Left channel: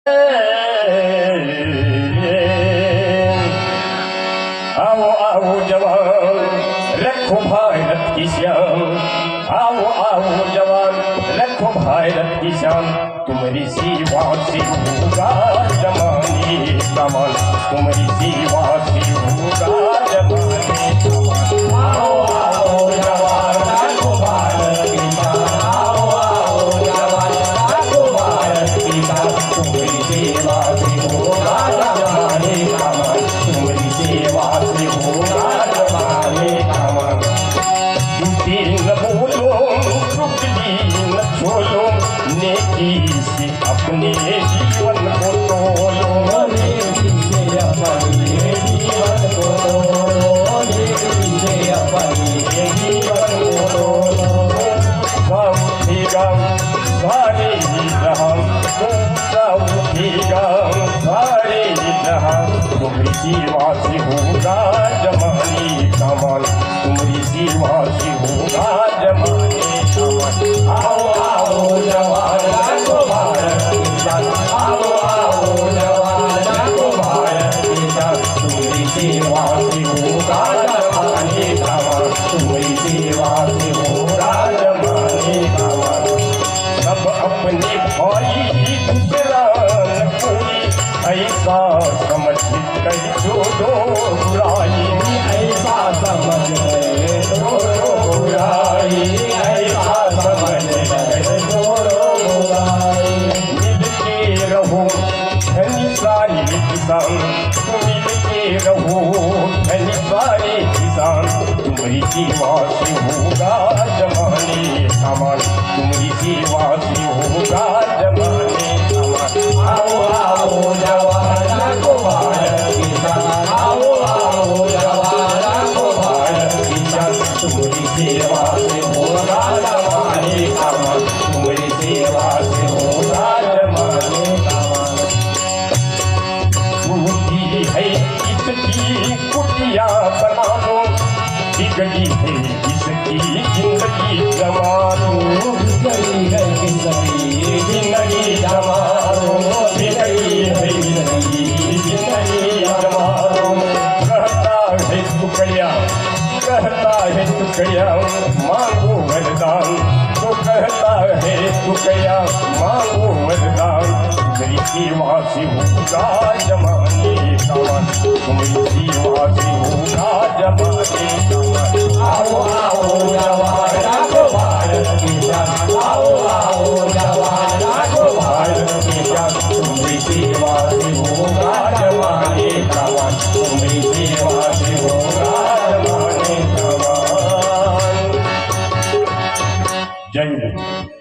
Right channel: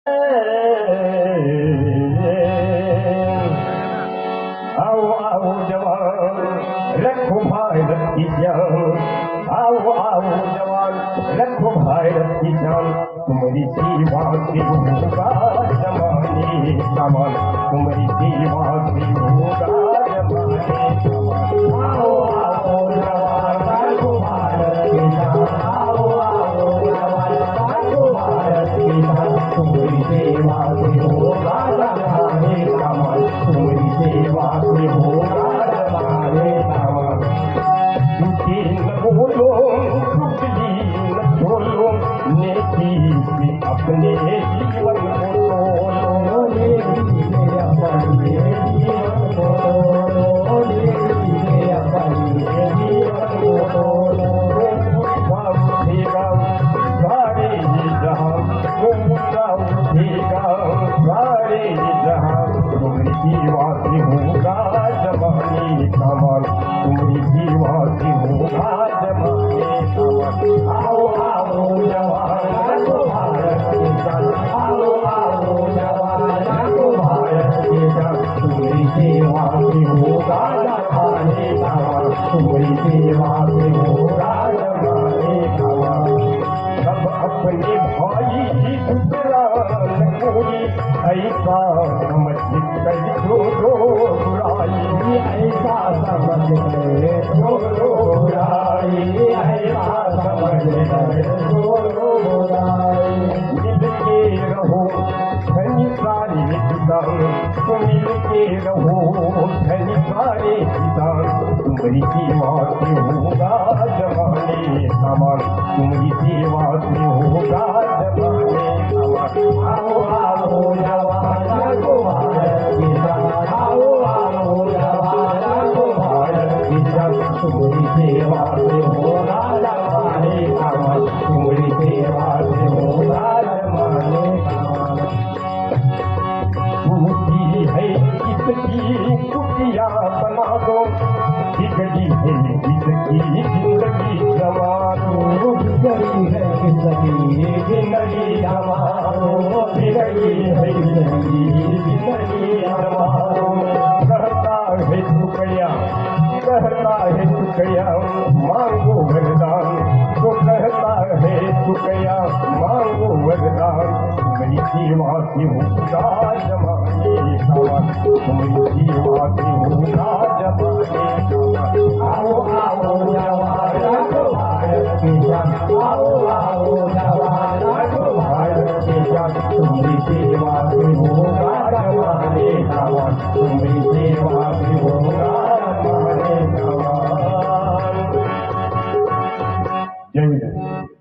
आओ आओ जवान, रखो भारत की शान। आओ आओ जवान, रखो भारत की शान। तुम्हारी सेवा से होगा जमाने का मान। तुम्हारी सेवा से होगा जमाने का मान। आओ आओ जवान, रखो भारत की शान। आओ आओ जवान, रखो भारत की शान। तुम्हारी सेवा से होगा जमाने का मान। तुम्हारी सेवा से होगा जमाने का मान। झूठी न बोलो, चुगली न छोलो, नेकी से अपने जीवन को तोलो। नेकी से अपने जीवन को तोलो। नेकी से अपने जीवन को तोलो। सब उठेगा सारे जहां, ऊंचा उठेगा सारे जहां। तुम्हारी सेवा से होगा जमाने का मान। तुम्हारी सेवा से होगा जमाने का मान। आओ आओ जवान, रखो भारत की शान। आओ आओ जवान, रखो भारत की शान। तुम्हारी सेवा से होगा जमाने का मान। तुम्हारी सेवा से होगा जमाने का मान। सब अपने भाई दुश्मन कोई, ऐसा समझ कर छोड़ो बुराई। ऐसा समझ कर छोड़ो बुराई। ऐसा समझ कर छोड़ो बुराई। मिल के रहो धनी सारे किसान। मिल के रहो धनी सारे किसान। तुम्हारी सेवा से होगा जमाने का मान। तुम्हारी सेवा से होगा जमाने का मान। आओ आओ जवान, रखो भारत की शान। आओ आओ जवान, रखो भारत की शान। तुम्हारी सेवा से होगा जमाने का मान। तुम्हारी सेवा से होगा जमाने का मान। टूटी है इसकी कुटिया बना दो, बिगड़ी है इसकी जिंदगी जमा दो। बिगड़ी है जिंदगी जिंदगी जमा दो। बिगड़ी है जिंदगी जमा दो। कहता है तू कया, कहता है तू कया, मांगो वरदान। तो कहता है तू कया, मांगो वरदान। तुम्हारी सेवा से होगा जमाने का मान। तुम्हारी सेवा से होगा जमाने का मान। आओ आओ जवान, रखो भारत की शान। आओ आओ जवान, रखो भारत की शान। तुम्हारी सेवा से होगा जमाने का मान। तुम्हारी सेवा से होगा जमाने का मान। जय हिंद।